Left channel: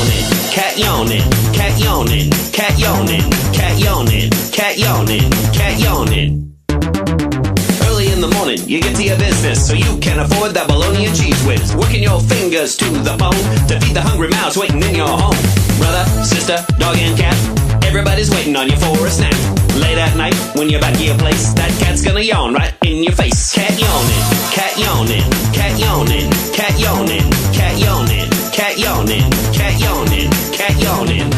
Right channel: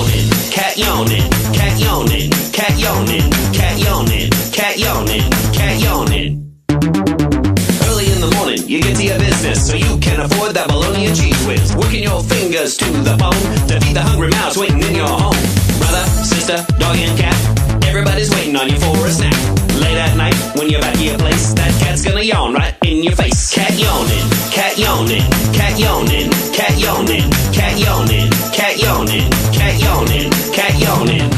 yawning, cat yawning, cat yawning, cat yawning, cat yawning, cat yawning, cat yawning. Early in the morning, you get to your business so you can afford that bologna and cheese whiz. Working your fingers to the bone to feed the hungry mouse waiting in your home. Brother, sister, dog and cat, everybody's waiting on you for a snack. Late at night, when you're back at your place, that cat's gonna yawn right in your face. Cat yawning, cat yawning, cat yawning, cat yawning, cat yawning, cat yawning, cat yawning, cat yawning.